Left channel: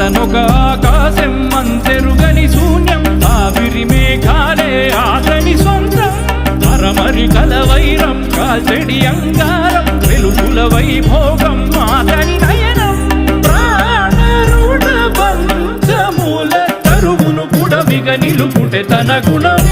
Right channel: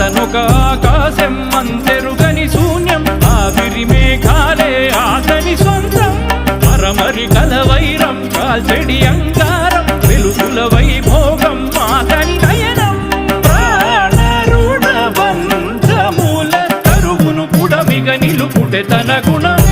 అతనొక ఆకాశం అంతెరుగని శూన్యం, ఆవిరి మేఘాలే ఆతని సొంతం. మరమరి కల వైరం కాల్చెడి అంగారం, వెలుగుల వైభోగం ఆతని నయనం. ప్రాణరుడ బంధముల తరువును పుడమిగ నిలుపుటె తన గుణం.